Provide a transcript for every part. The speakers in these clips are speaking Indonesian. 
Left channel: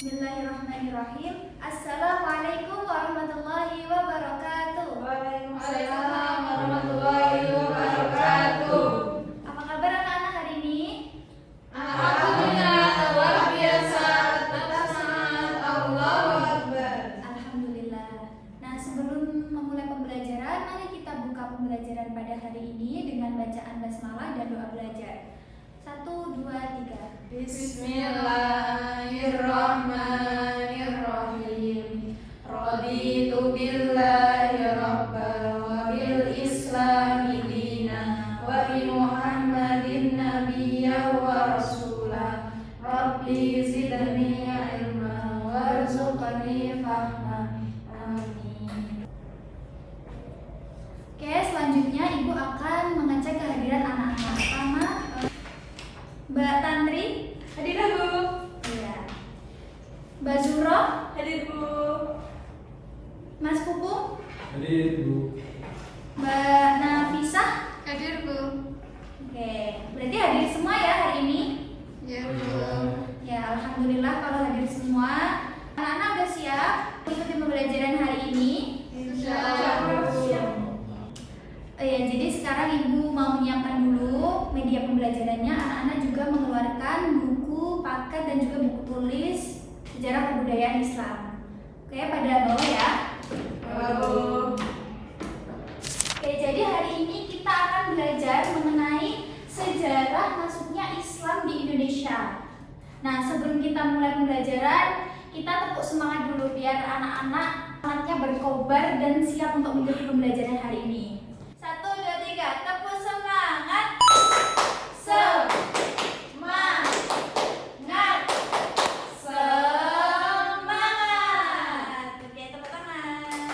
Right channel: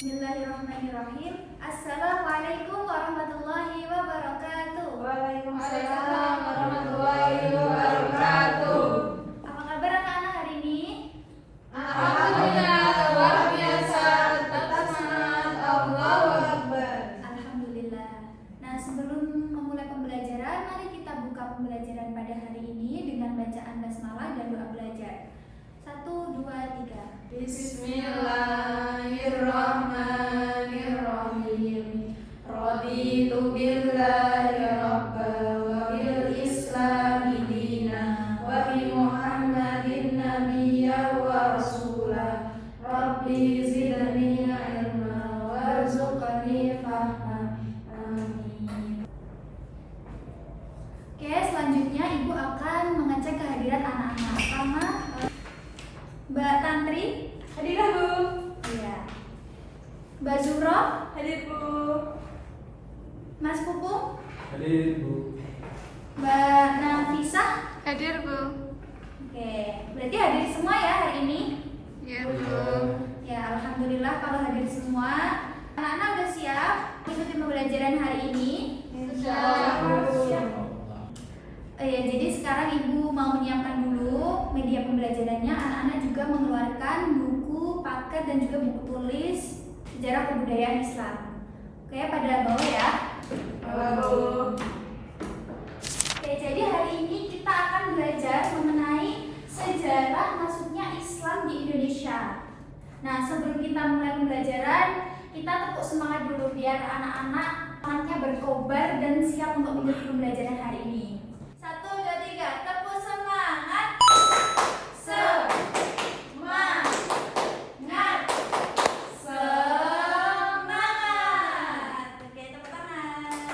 Bismillahirrahmanirrahim. Assalamualaikum warahmatullahi wabarakatuh. Waalaikumsalam warahmatullahi wabarakatuh. Apa kabar anak-anak hari ini? Alhamdulillah, luar biasa. Tetap semangat. Allahu Akbar. Alhamdulillah. Nah, sebelum memulai pembelajaran, mari kita buka pembelajaran pada hari ini dengan bacaan basmalah dan doa belajar. 1, 2, 3. Bismillahirrahmanirrahim. Raditu billahi rabban wa bil islami dinan wa bi Muhammadin nabiyyan wa rasulah. Rabbi zidni ilma warzuqni fahman. Amin. Oke, selanjutnya Ibu akan mengecek kehadiran anak-anak. Pertama, Mbak Tantri. Hadir Bu. Iya. Mbak Zuro. Hadir Bu. Mas Pupung. Hadir Bu. Mbak Nafisah. Hadir Bu. Oke, berarti hadir semua ya hari ini? Ya Bu. Ya, alhamdulillah kalau hadir semua. Anak-anak udah siap mengikuti pembelajaran hari ini? Insyaallah Bu. Ya, jadi sekarang Ibu mau menyiapkan dulu media pembelajarannya. Anak-anak juga mengeluarkan buku, paket, dan juga buku tulis sejarah kebudayaan Islam. Oke, pada bawah ya. Bu. Oke, jadi hari ini kita akan belajar mengenai sejarah masuknya Islam di Indonesia. Nah, sebelum kita mulai pembelajaran, kita tepuk semangat dulu biar anak-anak semangatnya berkobar dan siap untuk mengikuti pembelajaran hari ini. 1, 2, 3, tepuk semangat. Semangat. Semangat. Oke, tepuk tangan.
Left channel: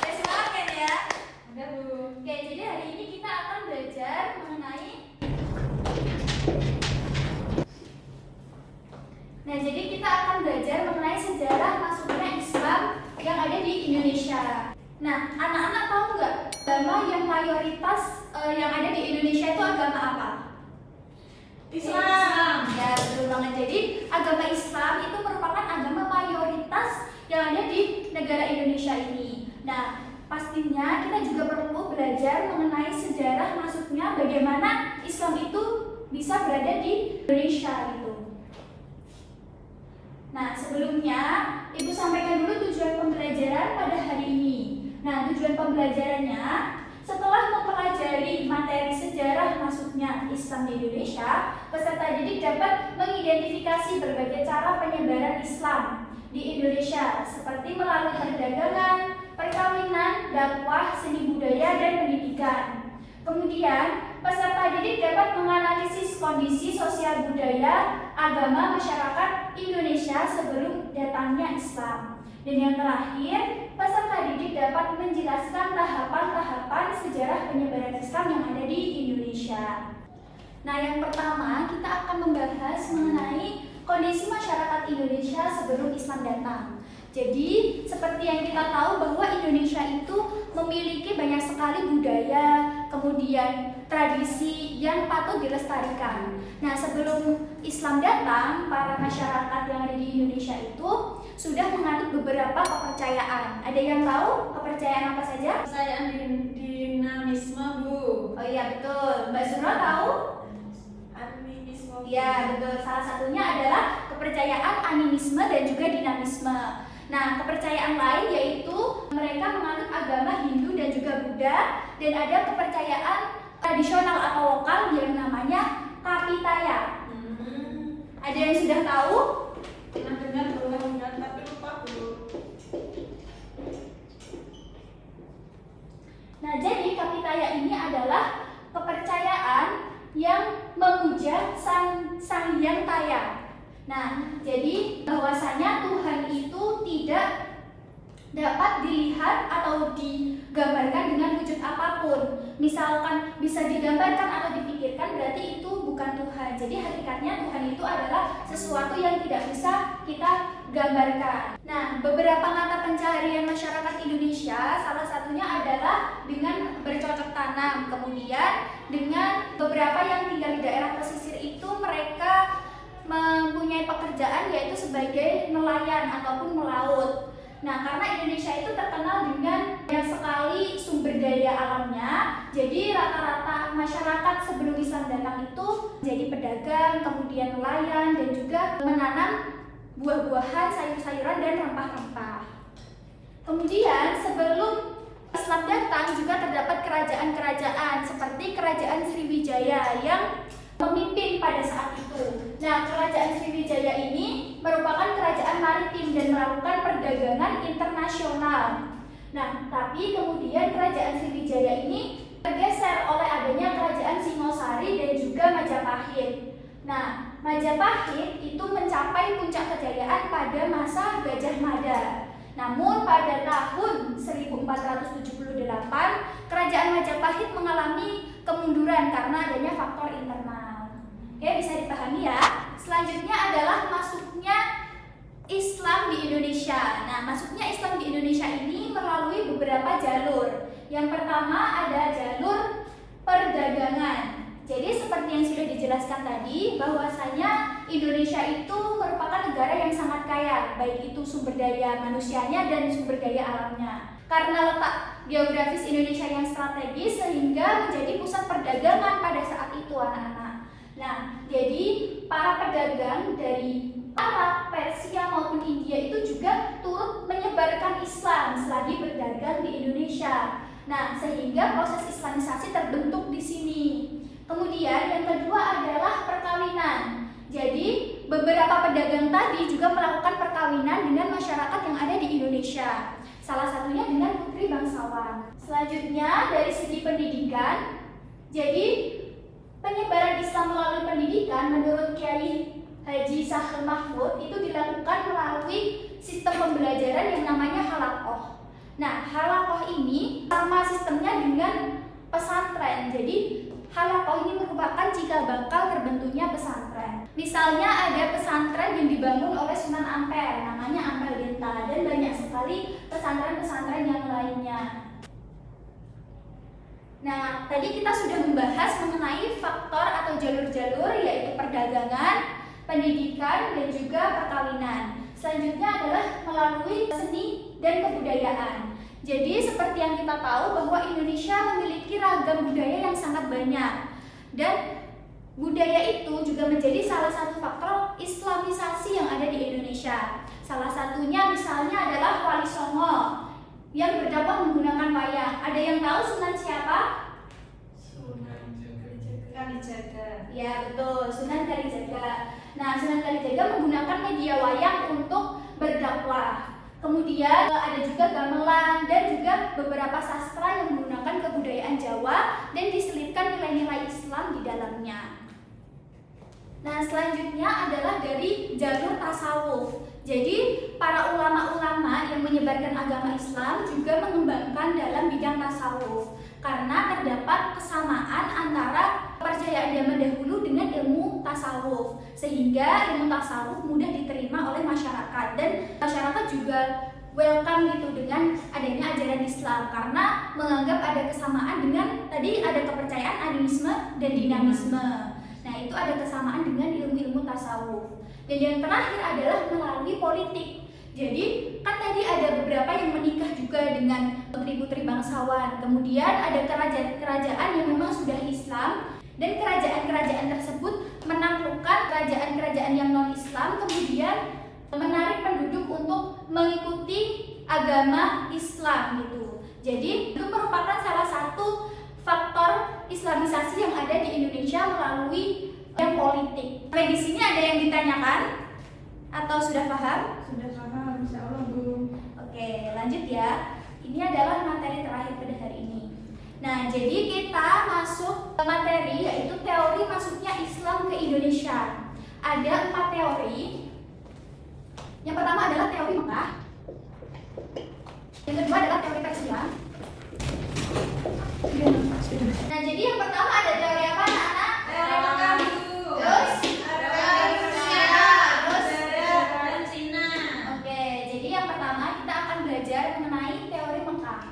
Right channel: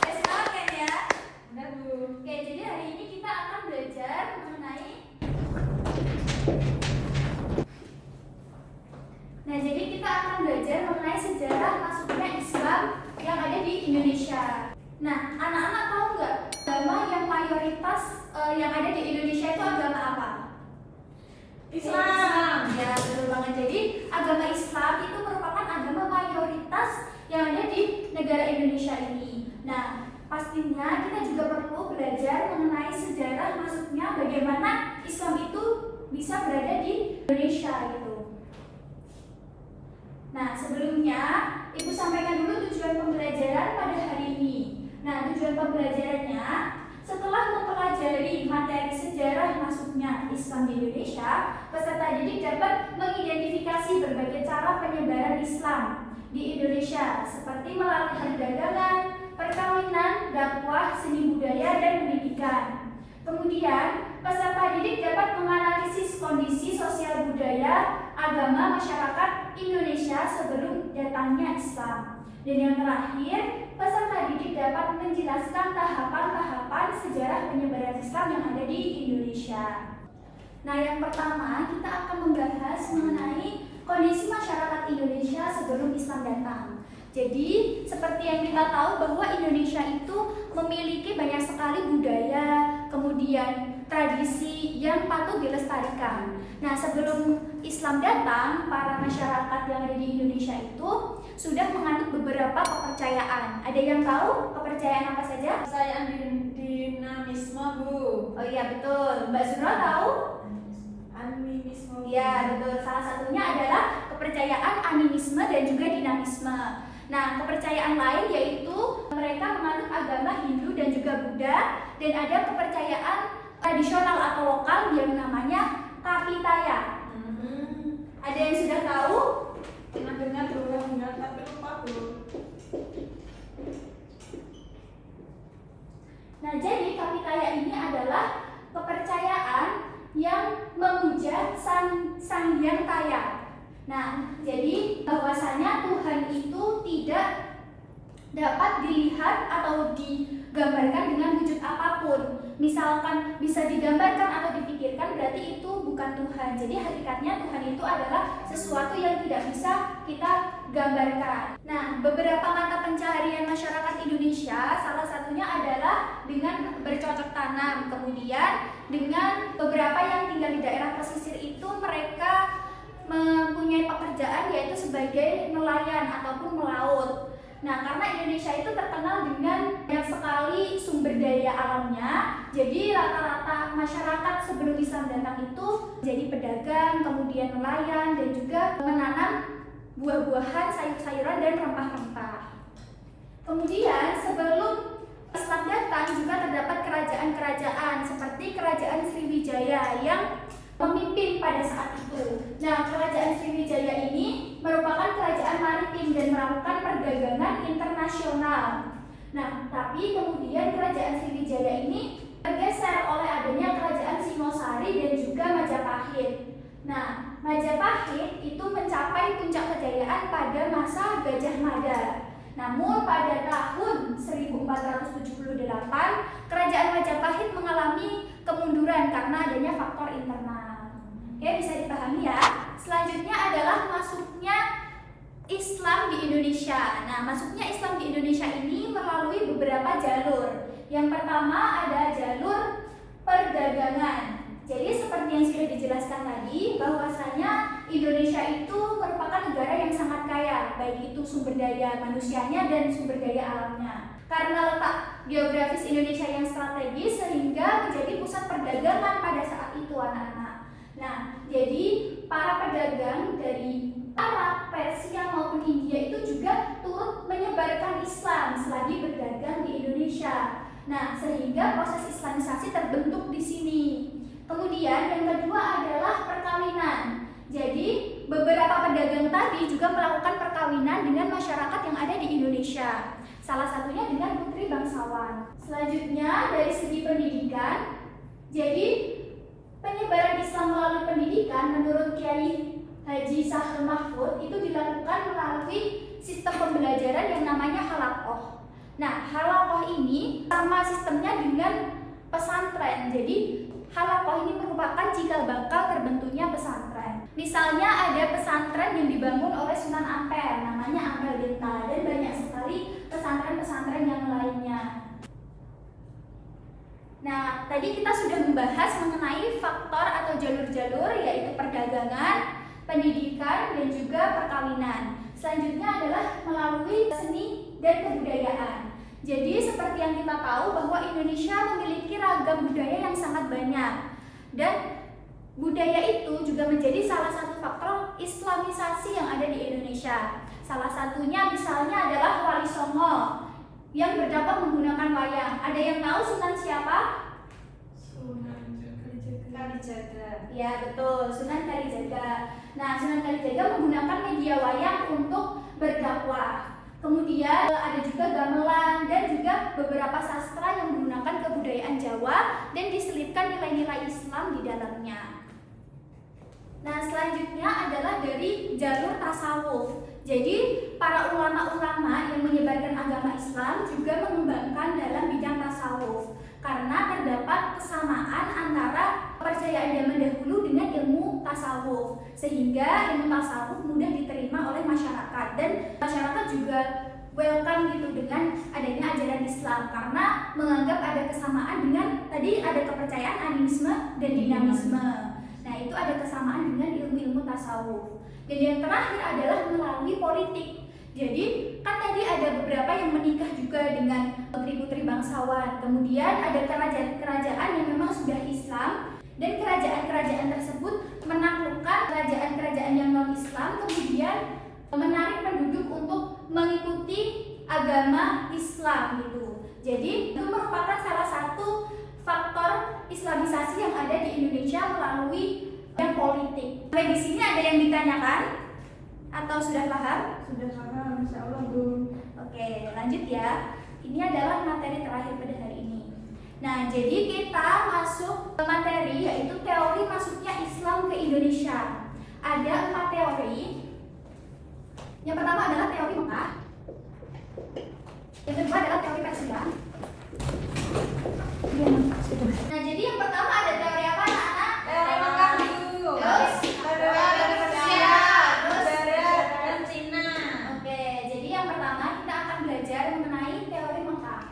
Oke, semangat kan ya? Ada Bu. Oke, jadi hari ini kita akan belajar mengenai sejarah masuknya Islam yang ada di Indonesia. Nah, anak-anak tahu nggak agama yang mayoritas yang ada di Indonesia itu agama apa? Islam. Ya, betul banget. Jadi agama Islam itu merupakan agama mayoritas yang ada di negara Indonesia ini. Nah, pastinya kita juga perlu belajar mengenai sejarah masuknya bagaimana Islam itu bisa berada di Indonesia itu. Nah, sebelumnya Ibu sampaikan dulu tujuan pembelajaran pada hari ini. Nah, tujuan pembelajarannya setelah mempelajari materi sejarah masuknya Islam di Indonesia, peserta didik dapat mengidentifikasi berbagai cara penyebaran Islam di Indonesia seperti melalui perdagangan, perkawinan, dakwah, seni budaya, dan pendidikan. Kemudian, peserta didik dapat menganalisis kondisi sosial budaya, agama masyarakat Indonesia sebelum datangnya Islam. Dan yang terakhir, peserta didik dapat menjelaskan tahapan-tahapan sejarah penyebaran Islam yang ada di Indonesia. Nah, yang pertama kita akan membahas mengenai kondisi masyarakat Indonesia sebelum Islam datang. Jadi, seperti yang kita tahu bahwa Indonesia itu memiliki banyak sekali budaya, kemudian tradisi yang patut dilestarikan. Nah, sebelum Islam datang, para masyarakat yang ada di Indonesia itu sudah menganut beberapa kepercayaan. Ada yang tahu kepercayaan apa saja? Kepercayaan dinamisme Bu. Oh iya, betul. Mbak Zura tahu? Animisme. Ya, betul. Salah satunya adalah kepercayaan animisme dan juga dinamisme. Nah, kepercayaan lain yaitu mereka menganut agama Hindu dan juga Buddha, dan ada kepercayaan tradisional atau lokal yang namanya Kapitaya. Ada yang sudah tahu? Pernah dengar Bu, tapi lupa Bu. Nah, jadi Kapitaya ini adalah kepercayaan yang memuja Sang Hyang Taya. Nah, jadi bahwasanya Tuhan itu tidak dapat dilihat atau digambarkan dengan wujud apapun. Misalkan bisa digambarkan atau dipikirkan, berarti itu bukan Tuhan. Jadi hakikatnya Tuhan itu adalah sesuatu yang tidak bisa kita gambarkan. Nah, beberapa mata pencaharian masyarakat Indonesia salah satunya adalah dengan bercocok tanam. Kemudian dengan beberapa yang tinggal di daerah pesisir itu mereka mempunyai pekerjaan yaitu sebagai nelayan ataupun melaut. Nah, karena Indonesia itu terkenal dengan banyak sekali sumber daya alamnya, jadi rata-rata masyarakat sebelum Islam datang itu jadi pedagang, kemudian nelayan, dan juga menanam buah-buahan, sayur-sayuran, dan rempah-rempah. Kemudian sebelum Islam datang juga terdapat kerajaan-kerajaan seperti Kerajaan Sriwijaya yang memimpin pada saat itu. Nah, Kerajaan Sriwijaya ini merupakan kerajaan maritim dan melakukan perdagangan internasional. Nah, tapi kemudian Kerajaan Sriwijaya ini tergeser oleh adanya Kerajaan Singosari dan juga Majapahit. Nah, Majapahit itu mencapai puncak kejayaan pada masa Gajah Mada. Namun pada tahun 1478, Kerajaan Majapahit mengalami kemunduran karena adanya faktor internal. Oke, bisa dipahami ya. Selanjutnya adalah masuknya Islam di Indonesia. Nah, masuknya Islam di Indonesia ini melalui beberapa jalur. Yang pertama ada jalur perdagangan. Jadi seperti yang sudah dijelaskan tadi, bahwasanya Indonesia itu merupakan negara yang sangat kaya, baik itu sumber daya manusianya dan sumber daya alamnya. Karena letak geografis Indonesia yang strategis sehingga menjadi pusat perdagangan pada saat itu, anak-anak. Nah, jadi para pedagang dari Arab, Persia maupun India itu juga turut menyebarkan Islam selagi berdagang di Indonesia. Nah, sehingga proses Islamisasi terbentuk di sini. Kemudian yang kedua adalah perkawinan. Jadi beberapa pedagang tadi juga melakukan perkawinan dengan masyarakat yang ada di Indonesia. Salah satunya dengan putri bangsawan. Selanjutnya dari segi pendidikan, jadi penyebaran Islam melalui pendidikan menurut Kiai Haji Sahal Mahfud itu dilakukan melalui sistem pembelajaran yang namanya halaqoh. Nah, halaqoh ini sama sistemnya dengan pesantren. Jadi halaqoh ini merupakan cikal bakal terbentuknya pesantren. Misalnya ada pesantren yang dibangun oleh Sunan Ampel, namanya Ampel Denta, dan banyak sekali pesantren-pesantren yang lainnya. Nah, tadi kita sudah membahas mengenai faktor atau jalur-jalur, yaitu perdagangan, pendidikan, dan juga perkawinan. Selanjutnya adalah melalui seni dan kebudayaan. Jadi seperti yang kita tahu bahwa Indonesia memiliki ragam budaya yang sangat banyak, dan budaya itu juga menjadi salah satu faktor Islamisasi yang ada di Indonesia. Salah satunya misalnya adalah Wali Songo yang berdakwah menggunakan wayang. Ada yang tahu Sunan siapa? Sunan Kalijaga. Ya, betul, Sunan Kalijaga. Nah, Sunan Kalijaga menggunakan media wayang untuk berdakwah. Kemudian ada juga gamelan dan juga beberapa sastra yang menggunakan kebudayaan Jawa dan diselipkan nilai-nilai Islam di dalamnya. Nah, selanjutnya adalah dari jalur tasawuf. Jadi para ulama-ulama yang menyebarkan agama Islam juga mengembangkan dalam bidang tasawuf karena terdapat kesamaan antara kepercayaan zaman dahulu dengan ilmu tasawuf, sehingga ilmu tasawuf mudah diterima oleh masyarakat dan masyarakat juga welcome gitu dengan adanya ajaran Islam karena menganggap ada kesamaan dengan tadi ada kepercayaan animisme dan dinamisme. Nah, itu ada kesamaan dengan ilmu-ilmu tasawuf. Dan yang terakhir adalah melalui politik. Jadi kan tadi ada beberapa yang menikah juga dengan putri-putri bangsawan. Kemudian ada kerajaan-kerajaan yang memang sudah Islam, dan kerajaan-kerajaan tersebut menaklukkan kerajaan-kerajaan yang non-Islam, kemudian menarik penduduk untuk mengikuti agama Islam gitu. Jadi itu merupakan salah satu faktor Islamisasi yang ada di Indonesia melalui yang politik. Sampai di sini ada yang ditanyakan atau sudah paham? Sudah paham, insya Allah, Bu. Oke, lanjut ya. Ini adalah materi terakhir pada hari ini. Nah, jadi kita masuk ke materi yaitu teori masuknya Islam ke Indonesia. Ada 4 teori. Yang pertama adalah teori Mekah. Yang kedua adalah teori Persia. Nah, jadi yang pertama ada teori apa, anak-anak? Teori Mekah dulu. Terus? Ada teori Persia. Terus? Dan Cina. Oke, jadi yang pertama kita akan belajar mengenai teori Mekah.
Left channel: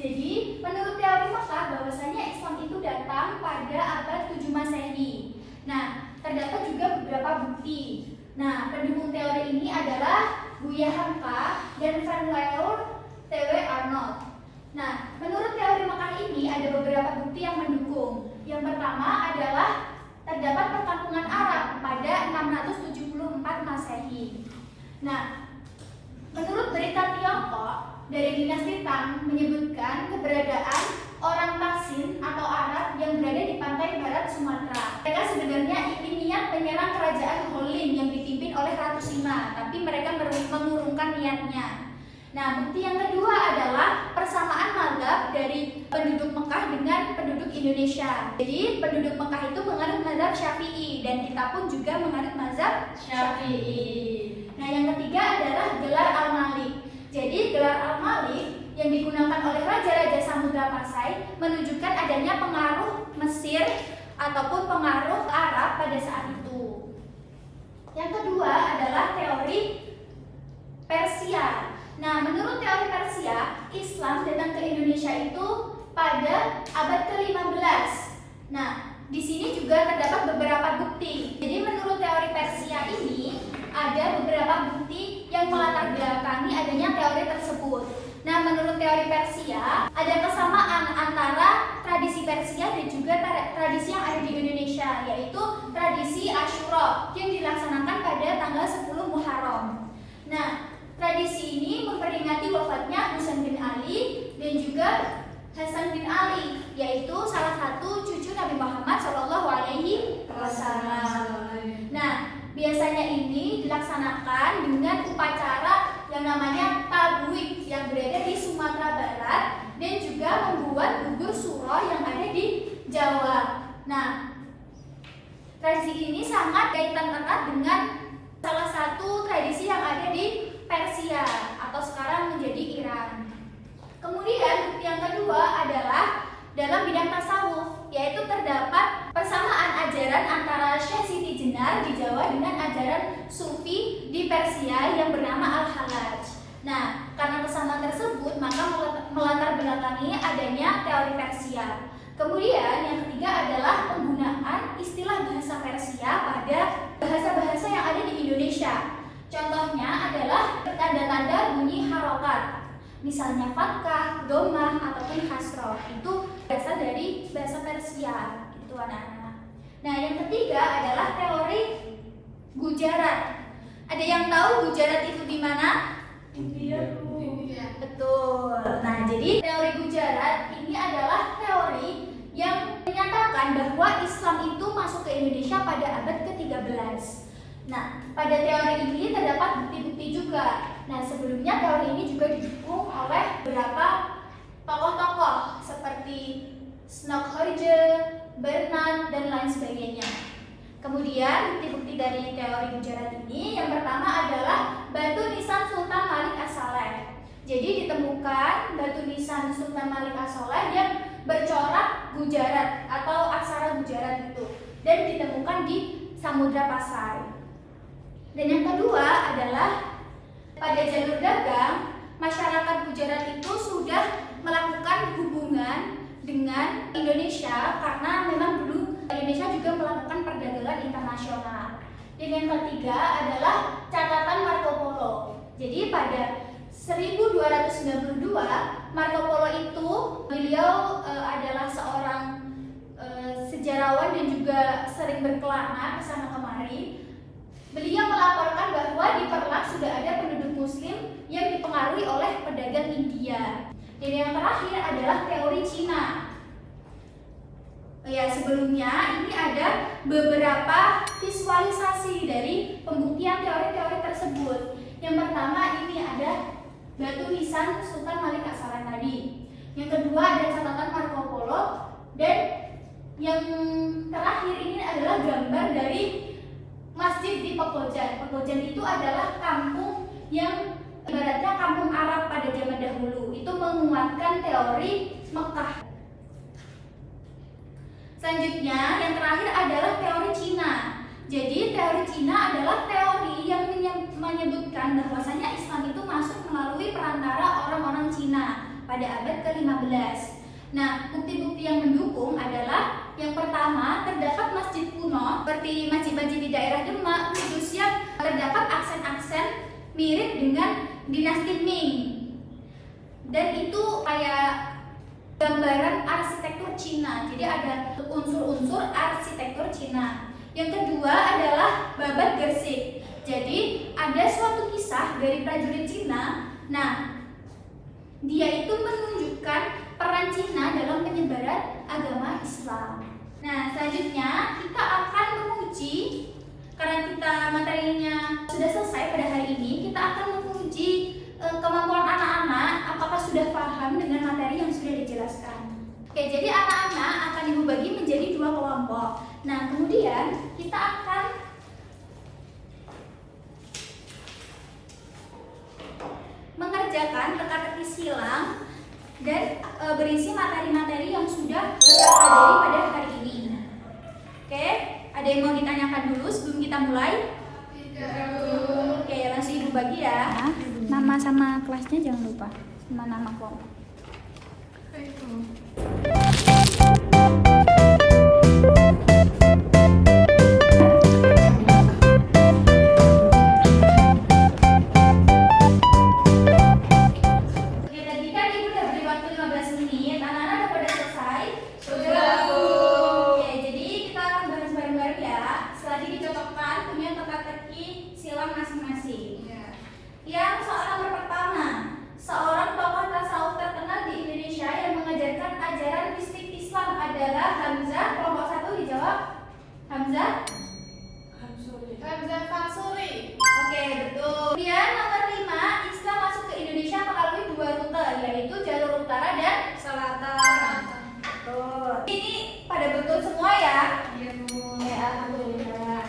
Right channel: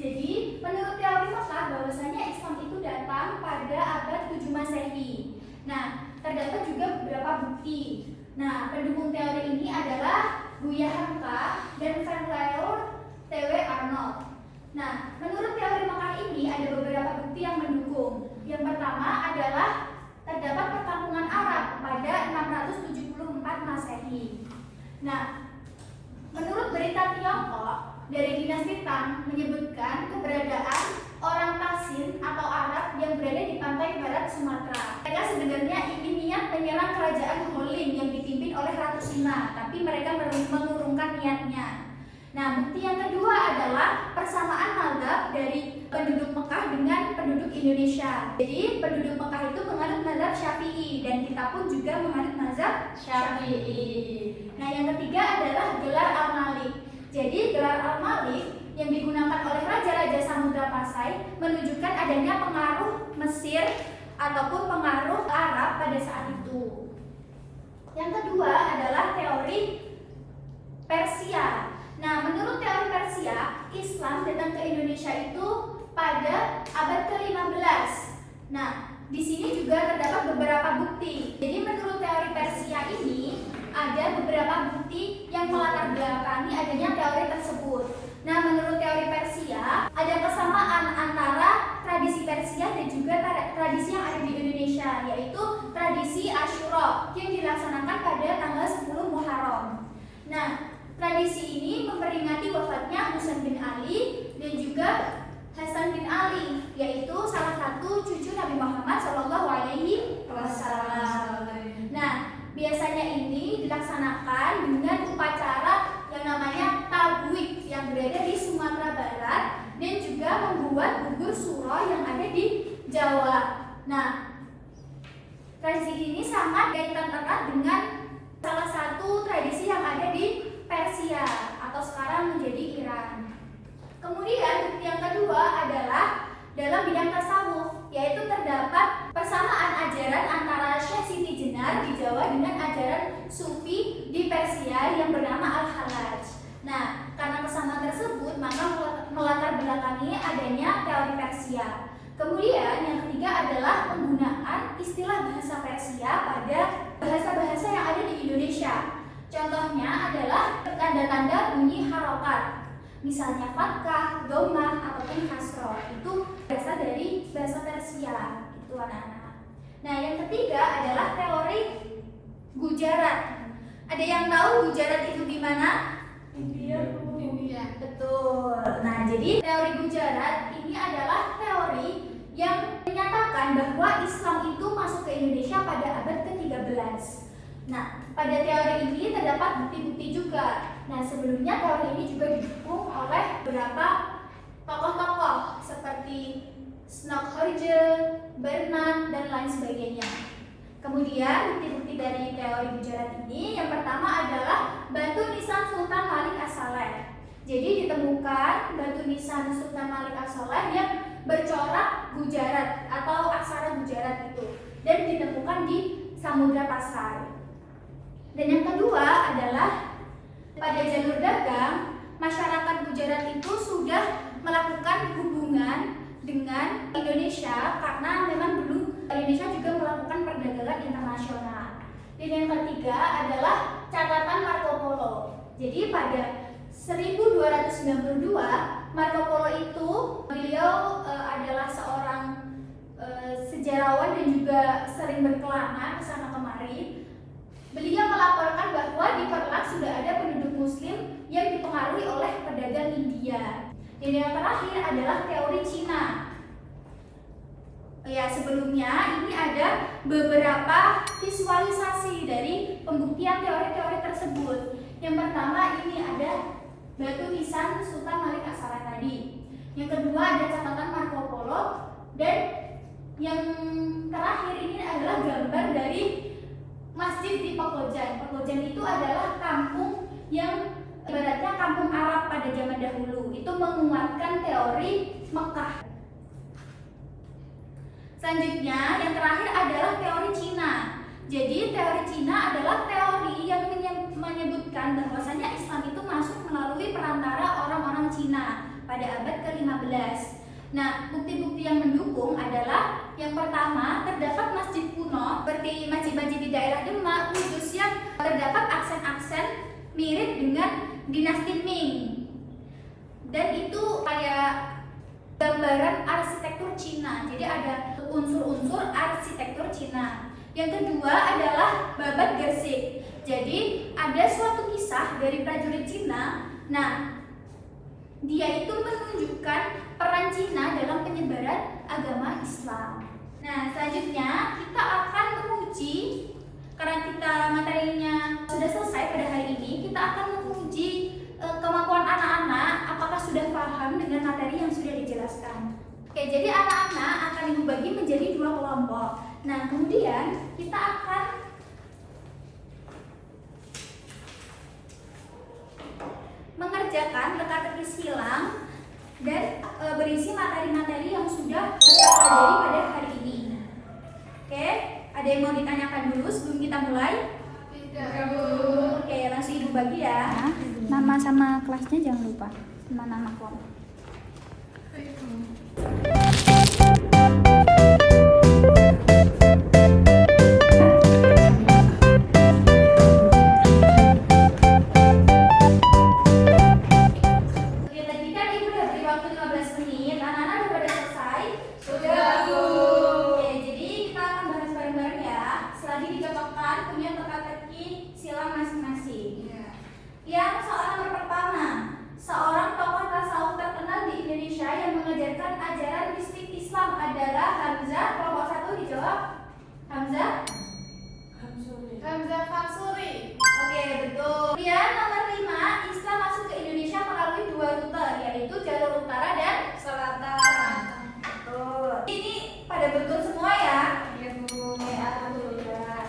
Jadi, menurut teori Mekah bahwasanya Islam itu datang pada abad 7 Masehi. Nah, terdapat juga beberapa bukti. Nah, pendukung teori ini adalah Buya Hamka dan Van Leeuwen T.W. Arnold. Nah, menurut teori Mekah ini ada beberapa bukti yang mendukung. Yang pertama adalah terdapat perkampungan Arab pada 674 Masehi. Nah, menurut berita Tiongkok dari dinasti Tang menyebutkan keberadaan orang Taksin atau Arab yang berada di pantai barat Sumatera. Mereka sebenarnya ingin niat menyerang kerajaan Holin yang dipimpin oleh Ratu Sina, tapi mereka mengurungkan niatnya. Nah, bukti yang kedua adalah persamaan mazhab dari penduduk Mekah dengan penduduk Indonesia. Jadi, penduduk Mekah itu menganut mazhab Syafi'i dan kita pun juga menganut mazhab Syafi'i. Nah, yang ketiga adalah gelar Al-Malik. Jadi, gelar Al-Malik yang digunakan oleh raja-raja Samudra Pasai menunjukkan adanya pengaruh Mesir ataupun pengaruh Arab pada saat itu. Yang kedua adalah teori Persia. Nah, menurut teori Persia, Islam datang ke Indonesia itu pada abad ke-15. Nah, di sini juga terdapat beberapa bukti. Jadi, menurut teori Persia ini ada beberapa bukti yang melatar belakangi adanya teori tersebut. Nah, menurut teori Persia, ada kesamaan antara tradisi Persia dan juga tradisi yang ada di Indonesia, yaitu tradisi Asyura yang dilaksanakan pada tanggal 10 Muharram. Nah, tradisi ini memperingati wafatnya Husain bin Ali dan juga Hasan bin Ali, yaitu salah satu cucu Nabi Muhammad SAW. Nah, biasanya ini dilaksanakan dengan upacara yang namanya tabwik yang berada di Sumatera Barat dan juga membuat bubur suro yang ada di Jawa. Nah, tradisi ini sangat kaitan erat dengan salah satu tradisi yang ada di Persia atau sekarang menjadi Iran. Kemudian bukti yang kedua adalah dalam bidang tasawuf, yaitu terdapat persamaan ajaran antara Syekh Siti Jenar di Jawa dengan ajaran Sufi di Persia yang bernama Al-Halaj. Nah, karena kesamaan tersebut, maka melatar belakangi adanya teori Persia. Kemudian yang ketiga adalah penggunaan istilah bahasa Persia pada bahasa-bahasa yang ada di Indonesia. Contohnya adalah tanda-tanda bunyi harokat. Misalnya fathah, dhammah, ataupun kasroh. Itu berasal dari bahasa Persia. Itu anak-anak. Nah, yang ketiga adalah teori Gujarat. Ada yang tahu Gujarat itu di mana? India. Betul. Nah, jadi teori Gujarat ini adalah teori yang menyatakan bahwa Islam itu masuk ke Indonesia pada abad ke-13. Nah, pada teori ini terdapat bukti-bukti juga. Nah, sebelumnya teori ini juga didukung oleh beberapa tokoh-tokoh seperti Snokkhorje, Bernan, dan lain sebagainya. Kemudian bukti-bukti dari teori Gujarat ini yang pertama adalah batu nisan Sultan Malik As-Saleh. Jadi ditemukan batu nisan Sultan Malik As-Saleh yang bercorak Gujarat atau aksara Gujarat itu dan ditemukan di Samudra Pasai. Dan yang kedua adalah pada jalur dagang, masyarakat Gujarat itu sudah melakukan hubungan dengan Indonesia karena memang dulu Indonesia juga melakukan perdagangan internasional. Dan yang ketiga adalah catatan Marco Polo. Jadi pada 1292 Marco Polo itu beliau adalah seorang sejarawan dan juga sering berkelana ke sana kemari. Beliau melaporkan bahwa di Perlak sudah ada penduduk Muslim yang dipengaruhi oleh pedagang India. Dan yang terakhir adalah teori Cina. Ya, sebelumnya ini ada beberapa visualisasi dari pembuktian teori-teori tersebut. Yang pertama ini ada batu nisan Sultan Malik As-Saleh tadi. Yang kedua ada catatan Marco Polo dan yang terakhir ini adalah gambar dari masjid di Pekojan. Pekojan itu adalah kampung yang ibaratnya kampung Arab pada zaman dahulu. Itu menguatkan teori Mekah. Selanjutnya yang terakhir adalah teori Cina. Jadi teori Cina adalah teori yang menyebutkan bahwasanya Islam itu masuk melalui perantara orang-orang Cina pada abad ke-15. Nah, bukti-bukti yang mendukung adalah yang pertama, terdapat masjid kuno seperti masjid-masjid di daerah Demak, Kudus yang terdapat aksen-aksen mirip dengan dinasti Ming. Dan itu kayak gambaran arsitektur Cina. Jadi ada unsur-unsur arsitektur Cina. Yang kedua adalah babat gersik. Jadi ada suatu kisah dari prajurit Cina. Nah, dia itu menunjukkan peran Cina dalam penyebaran agama Islam. Nah, selanjutnya kita akan menguji, karena kita materinya sudah selesai pada hari ini, kita akan menguji kemampuan anak-anak apakah sudah paham dengan materi yang sudah dijelaskan. Oke, jadi anak-anak akan Ibu bagi menjadi 2 kelompok. Nah, kemudian kita akan mengerjakan teka-teki silang dan berisi materi-materi yang sudah kita pelajari pada hari ini. Oke, ada yang mau ditanyakan dulu sebelum kita mulai? Tidak, Bu. Oke, langsung Ibu bagi ya. Nama sama kelasnya jangan lupa, sama nama kelompok. Baik, Bu. Oke, tadi kan Ibu udah beri waktu 15 menit. Anak-anak udah pada selesai? Sudah, Bu. Oke, jadi kita akan bahas bareng-bareng ya. Setelah dicocokkan punya teka-teki silang masing-masing. Yang soal nomor pertama, seorang tokoh tasawuf terkenal di Indonesia yang mengajarkan ajaran mistik Islam adalah Hamzah. Kelompok 1 dijawab Hamzah. Hamzah Fansuri. Oke, betul. Kemudian nomor 5, Islam masuk ke Indonesia melalui 2 rute, yaitu jalur utara dan Selatan. betul. Ini pada betul semua ya. Iya, Bu. Oke, alhamdulillah.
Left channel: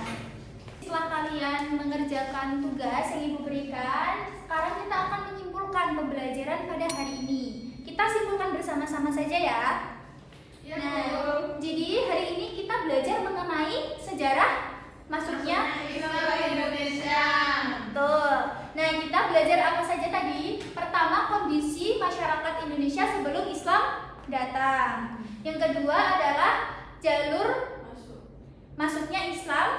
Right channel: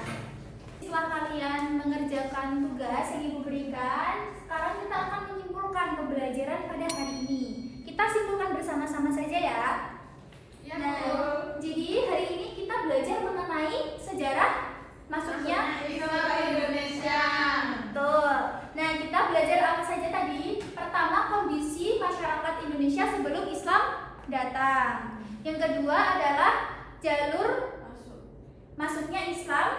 Setelah kalian mengerjakan tugas yang Ibu berikan, sekarang kita akan menyimpulkan pembelajaran pada hari ini. Kita simpulkan bersama-sama saja ya. Iya, Nah, Bu. jadi hari ini kita belajar mengenai sejarah masuknya. Islam Indonesia. Betul. Nah, kita belajar apa saja tadi? Pertama, kondisi masyarakat Indonesia sebelum Islam datang. Yang kedua adalah jalur masuknya Islam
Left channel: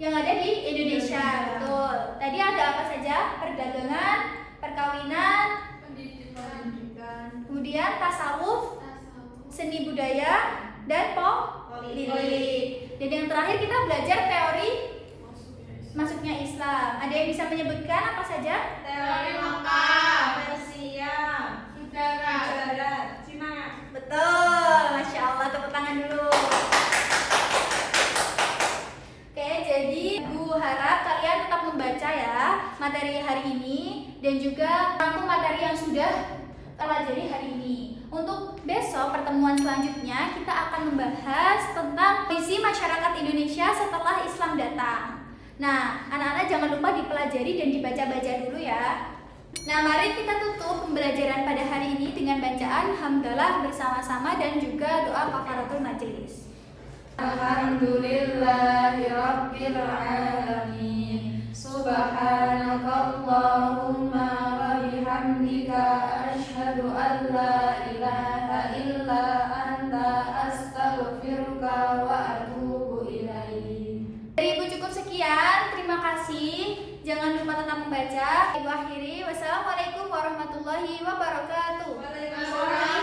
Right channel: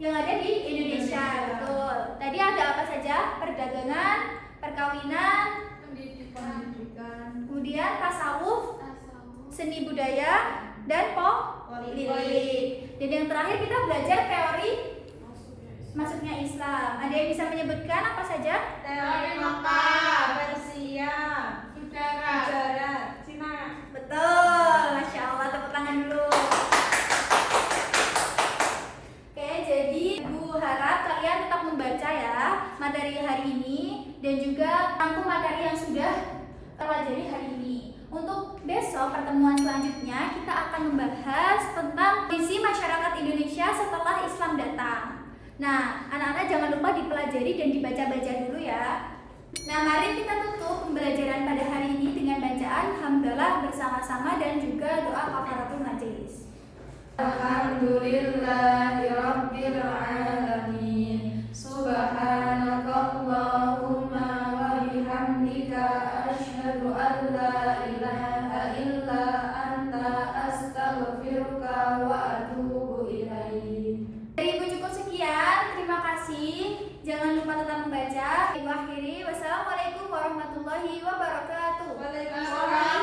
yang ada di Indonesia. Betul. Tadi ada apa saja? Perdagangan, perkawinan, Pendidikan. kemudian tasawuf, seni budaya, dan politik. Dan yang terakhir kita belajar teori masuknya Islam. Ada yang bisa menyebutkan apa saja? Teori Mekah. Persia. Udara. Cina. Betul, Masya Allah, tepuk tangan dulu. Oke, jadi Ibu harap kalian tetap membaca ya materi hari ini dan juga rangkum materi yang sudah pelajari hari ini. Untuk besok pertemuan selanjutnya kita akan membahas tentang visi masyarakat Indonesia setelah Islam datang. Nah, anak-anak jangan lupa dipelajari dan dibaca-baca dulu ya. Nah, mari kita tutup pembelajaran pada hari ini dengan bacaan hamdalah bersama-sama dan juga doa kafaratul majelis. Alhamdulillahirabbil alamin. Subhanakallahumma wa bihamdika asyhadu an la ilaha illa anta astaghfiruka wa atubu ilaik. Dari Ibu cukup sekian, terima kasih. Jangan lupa tetap membaca. Ibu akhiri, wassalamualaikum warahmatullahi wabarakatuh. Waalaikumsalam.